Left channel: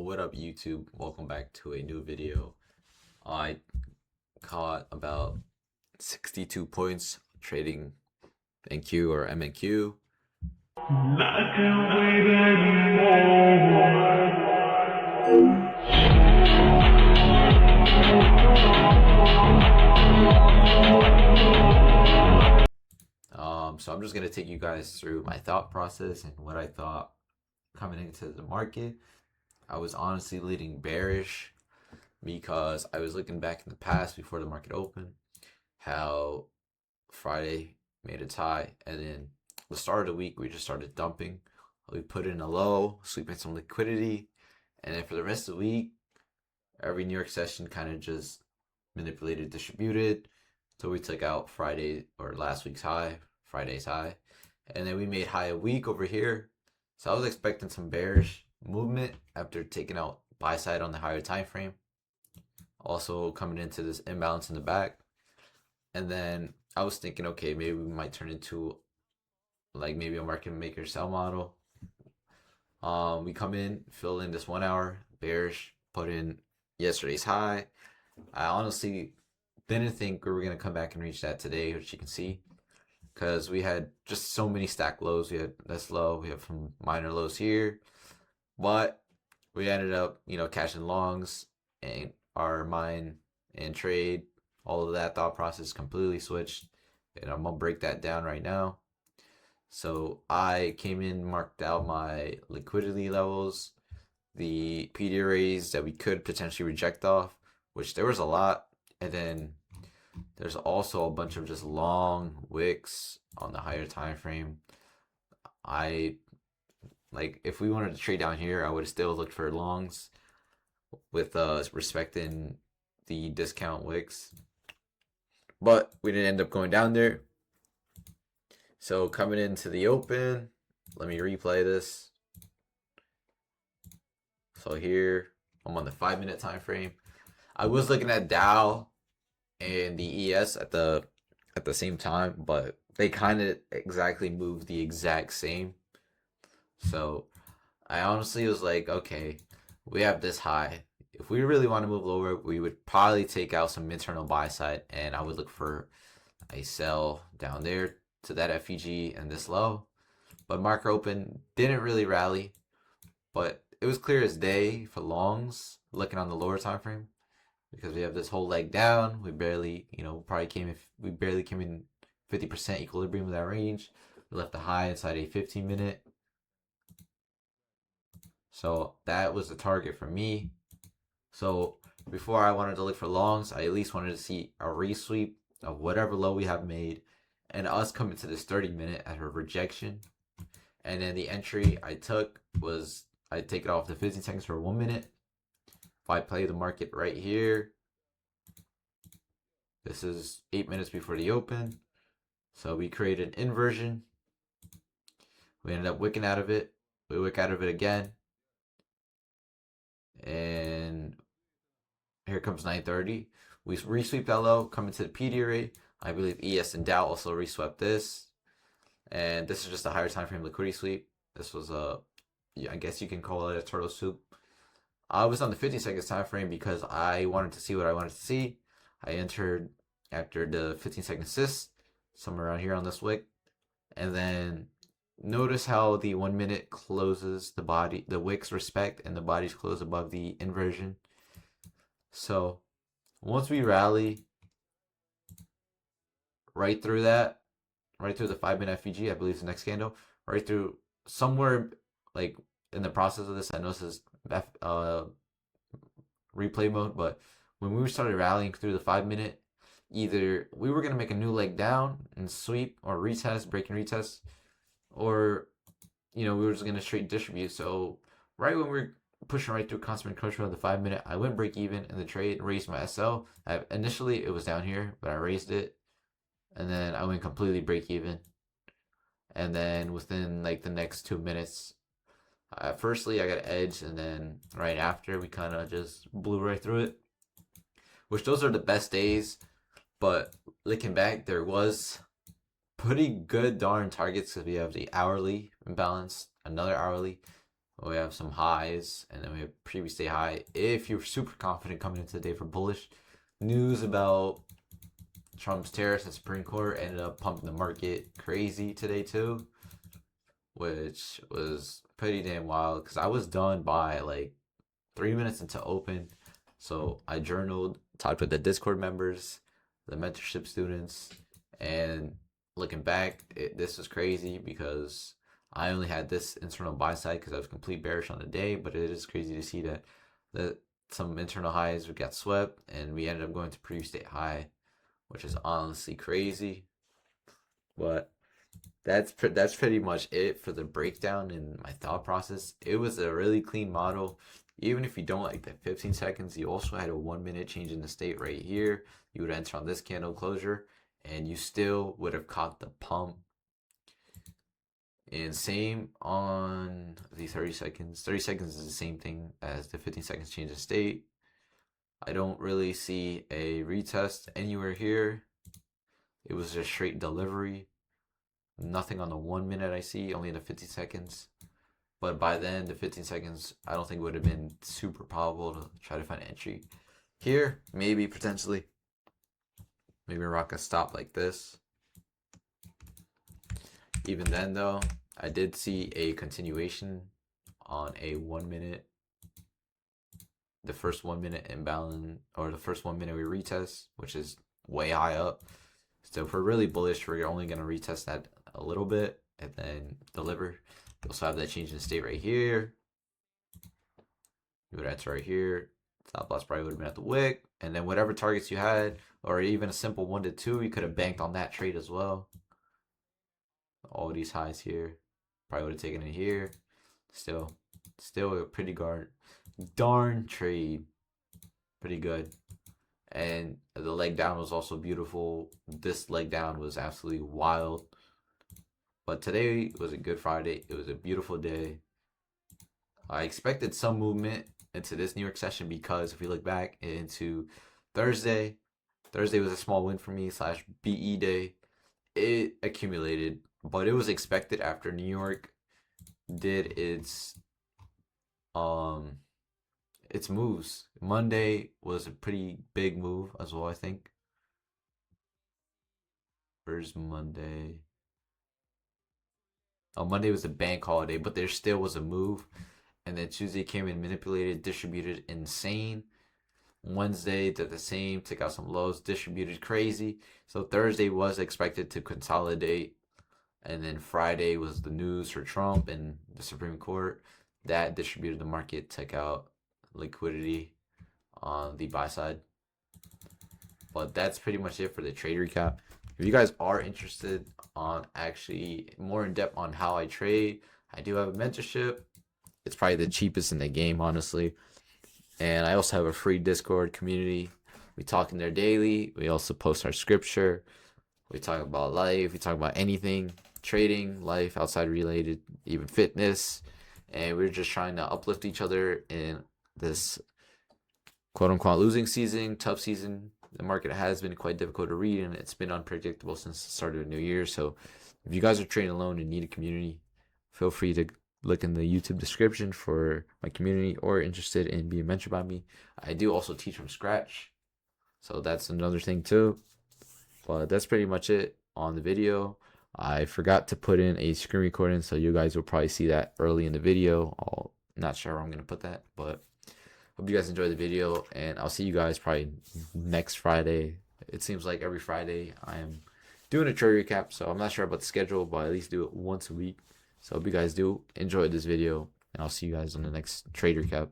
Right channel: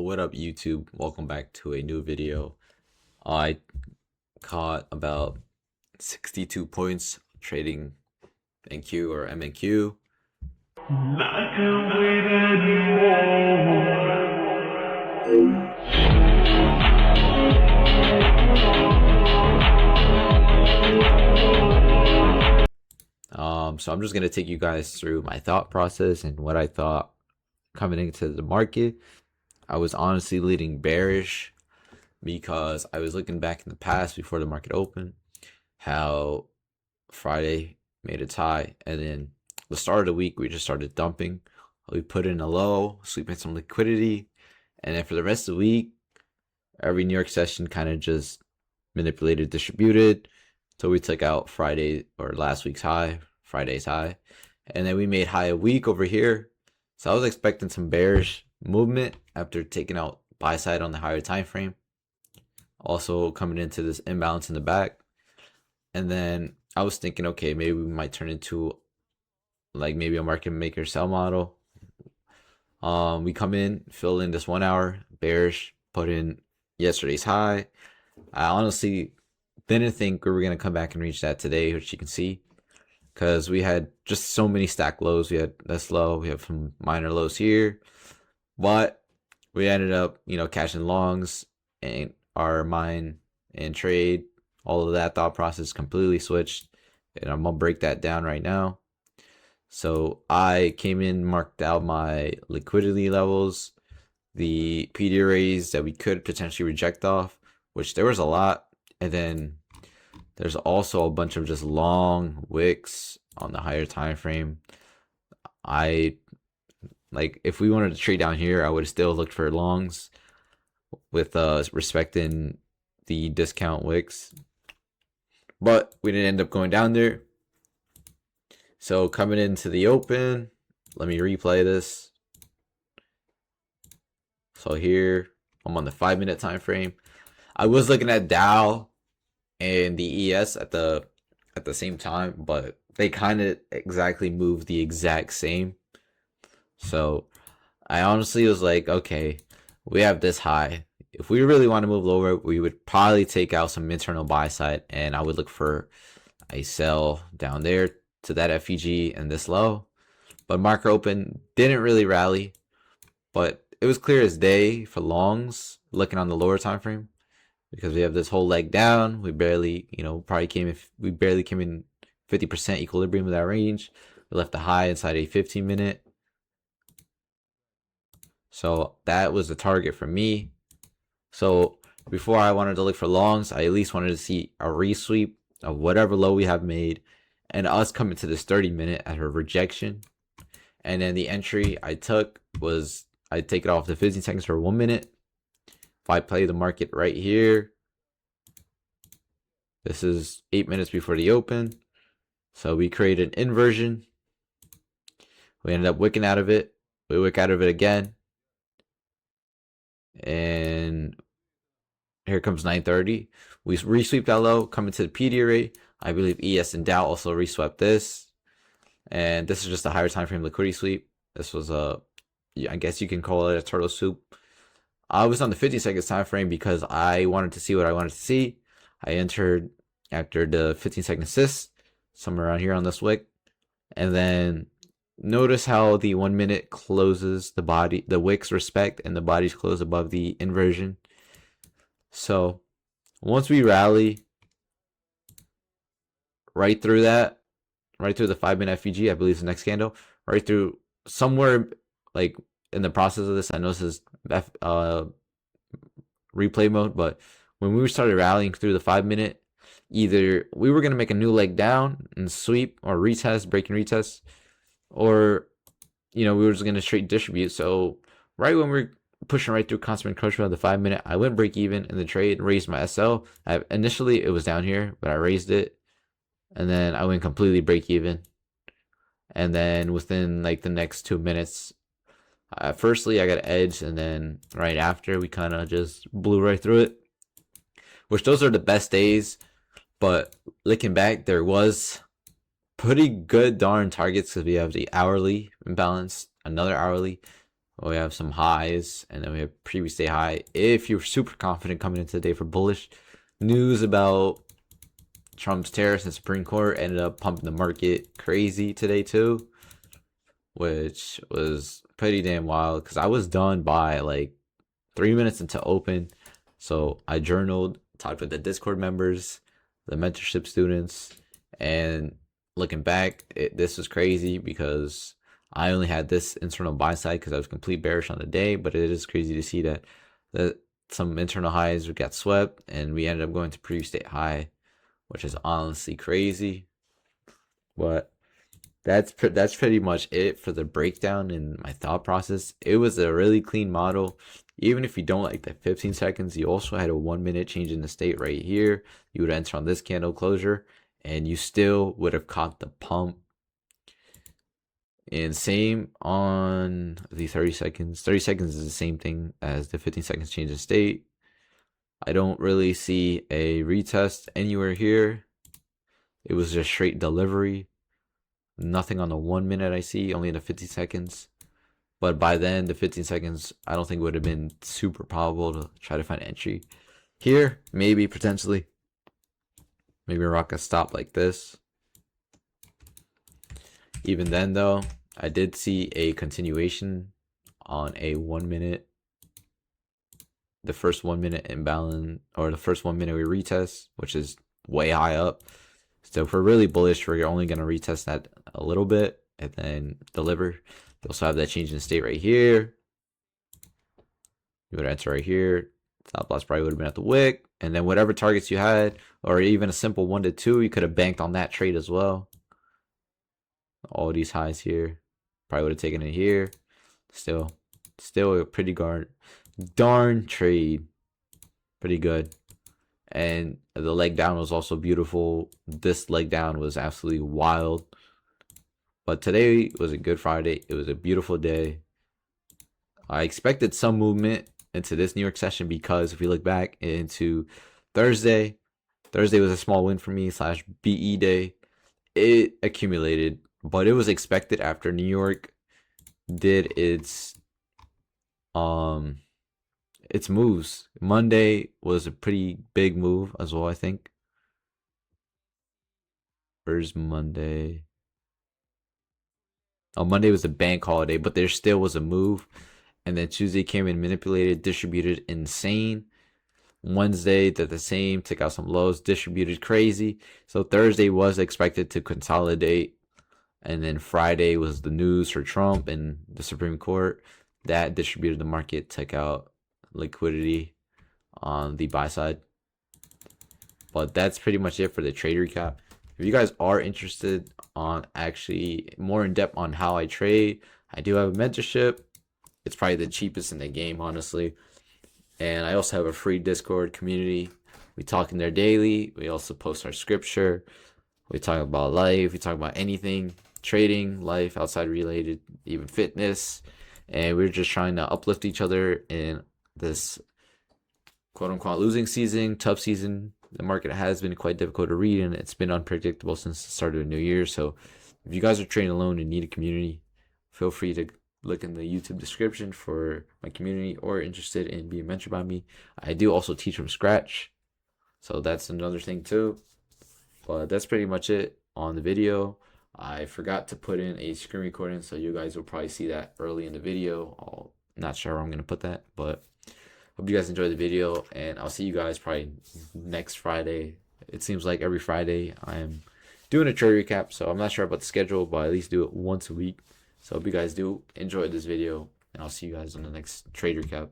What up, YouTube? Welcome back to a new video. I caught about 62 points trading NQ or MNQ. I can't wait anymore. So I'm just gonna take you guys through my thought process and what I thought coming into the market. I was honestly leading bearish because I was looking back in the past before the market opened, how Friday made its high, and then the start of the week we just started dumping. We put in a low, sweeping some liquidity, and then for the rest of the week, every New York session kind of just manipulated, distributed. So we took out Friday or last week's high, Friday's high, and then we made high a week over here. So I was expecting some bearish movement after taking out buy side on the higher time frame. Also coming into this imbalance in the back. And then I was thinking, okay, maybe we might turn into like maybe a market maker sell model. We come in, fill in this 1 hour bearish, put in yesterday's high. I honestly didn't think we were gonna come back and reach that today, which you can see, because we had just so many stack lows. We had this low, we have some minor lows here, but we ended up, catching longs, and our mine and trade, all of that thought process completely switched, and I'm gonna break that down right now. So I came in, marked out my liquidity levels, the PD arrays that we could potentially reject off, which there was a lot, and then there's also a bunch of just long wicks on the higher time frame. If we wanted to trade down here, I would have still looked for longs with respecting the discount wicks, but we didn't end up going down there. So coming into the open, let me replay this. So here I'm on the 5-minute time frame. I was looking at Dow and the ES at the same time, but they kind of exactly moved the exact same. So I honestly was like, okay, we have this high. If we really want to move lower, we would probably take out some internal buy side, and I would look for a sell down there to that FEG and this low. But market open didn't really rally, but it was clear as day for longs looking on the lower time frame, because we have this whole leg down. We barely, we barely came in 50% equilibrium of that range. We left the high inside a 15-minute. So that was the target for me. So before I wanted to look for longs, I at least wanted to see a resweep of whatever low we have made, and us coming to this 30-minute at her rejection. And then the entry I took was, I take it off the 15 seconds for 1 minute. If I play the market right here, this is 8 minutes before the open. So we create an inversion. We ended up wicking out of it. We wick out of it again. And here comes 9:30. We resweep that low, coming to the PD array. I believe ES and Dow also reswept this. And this is just a higher time frame liquidity sweep. This was I guess you can call it a turtle soup. I was on the 50 seconds time frame because I wanted to see what I wanted to see. I entered after the 15-second assist, somewhere around here on this wick. And then notice how the 1 minute closes the wicks respect, and the bodies close above the inversion. So once we rally right through the 5-minute FEG, I believe is the next candle, right through somewhere like in the process of this, I know this is replay mode, but when we started rallying through the 5-minute, either we were going to make a new leg down and sweep or retest, break and retest, or we were just going to straight distribute. So right when we're pushing right through constant encroachment of the 5-minute, I went break even in the trade and raised my SL. Initially it was down here, but I raised it, and then I went completely break even. And then within like the next 2 minutes, firstly I got an edge, and then right after we kind of just blew right through it, which those are the best days. But looking back, there was pretty good darn targets, because we have the hourly imbalance, another hourly, We have some highs, and then we have previous day high. If you're super confident coming into the day for bullish news about Trump's tariffs and Supreme Court, ended up pumping the market crazy today too, which was pretty damn wild because I was done by like 3 minutes into open. So I journaled, talked with the Discord members, the mentorship students, and looking back, this was crazy because I only had this internal buy side because I was complete bearish on the day. But it is crazy to see that some internal highs got swept, and we ended up going to previous state high, which is honestly crazy. But that's pretty much it for the breakdown and my thought process. It was a really clean model. Even if you don't like the 15 seconds, you also had a 1 minute change in the state right here. You would enter on this candle closure, and you still would have caught the pump. And same on the 30 seconds. 30 seconds is the same thing as the 15 seconds change in state. I don't really see a retest anywhere here. It was just straight delivery. Nothing on the 1 minute I see, only in the 50 seconds. But by then, the 15 seconds, I don't think would have been super probable to try to find entry. Here, maybe, potentially. Maybe rock a stop like this. Even then, though, I did see a continuation on a 1 minute. The first 1 minute imbalance, or the first 1 minute we retest, which is way high up. So if we're really bullish, we're only going to retest that a little bit and then deliver. You also have that change in state right here. You would enter right here. Stop loss probably would have been at the wick. And then whatever targets you had, or even a simple 1 to 2, you could have banked on that trade as well. All these highs here. Probably would have taken it here. Still a pretty darn trade. Pretty good. And the leg down was also beautiful. This leg down was absolutely wild. But today was a good Friday. It was a beautiful day. I expected some movement into this New York session because if we look back into Thursday was a small win for me / BE day. It accumulated, but it was expected after New York did its moves. Monday was a pretty big move as well, I think. Where's Monday? Oh, Monday was a bank holiday, but there still was a move. And then Tuesday came in, manipulated, distributed insane. Wednesday did the same, took out some lows, distributed crazy. So Thursday was expected to consolidate. And then Friday was the news for Trump and the Supreme Court. That distributed the market, took out liquidity on the buy side. But that's pretty much it for the trade recap. If you guys are interested on actually more in depth on how I trade, I do have a mentorship. It's probably the cheapest in the game, honestly. And I also have a free Discord community. We talk in there daily. We also post our scripture. We talk about life. We talk about anything, trading, life, outside related, even fitness. And we're just trying to uplift each other in this quote unquote losing season, tough season. The market has been quite difficult to read, and it's been unpredictable since the start of the new year. So if you guys are trading alone and need a community, feel free to look in the YouTube description for my community or interested in being mentored by me. I do also teach from scratch, so that's another thing too. But that's pretty much it on the video. I forgot to put in a screen recording, so you guys will probably see that early in the video. I'm not sure where I'm going to put that, but hope you guys enjoyed the video, and I'll see you guys probably next Friday. It seems like every Friday I am doing a trade recap, so I'm not sure about the schedule, but I at least do it once a week. So hope you guys do enjoy this video, and I'll see you guys on the next trade recap.